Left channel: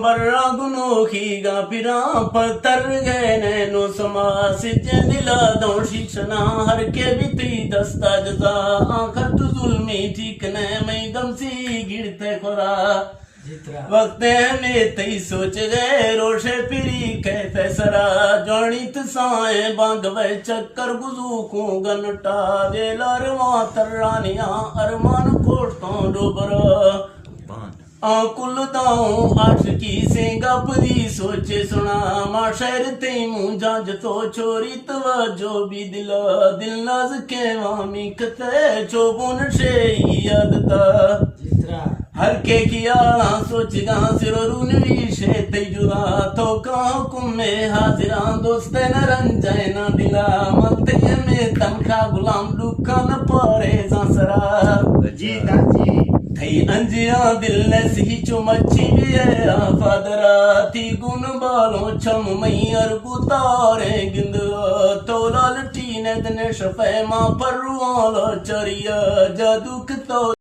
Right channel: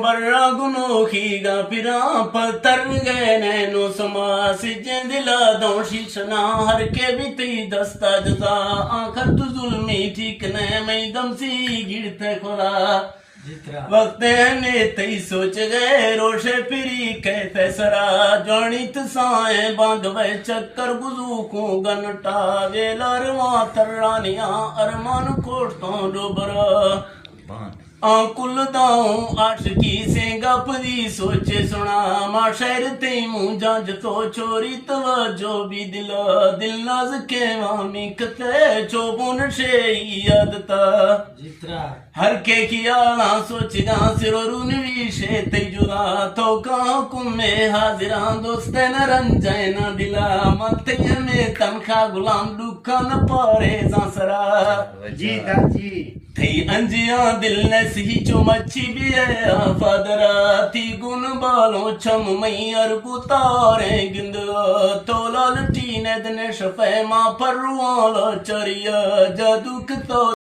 बर्रा गुनो खीगा पिरा पत्थर गए नैनो समा सिजे दिला दो शीशना हर के बीती दस्ता जजा आखर तु जुल्मी ठीक ने मई दमसी गिरते खोरा वक्त ने तई सोच गए रोशे फिरी कैसे सरा जणित साए बांध वे चक्कर गुजू को गनटा वेलर वा तर्रानिया अरमान कोटों डोबर आकुल दाऊं आशिकी से गपदी सोचे सुना माशर ते मुंजा जतो छोरी तवज्जो भी दिल नाज के वामी कते चोबुन शे यादता हर के किया सोचगा सिरोरुन विशे ते जुदा तो का कुमे हाजिरा दोस्ते न रंजय न दिला मत में तनखा गुलाम दुकान परे सांसरा जी दाजी थई अंजिया दिल ने सही चो मच्छी भी है फादरा थी गुन बालों छम मई और गुतारे गिंद तो लाल टी ने दने शफे मां पर चरिया जादू तो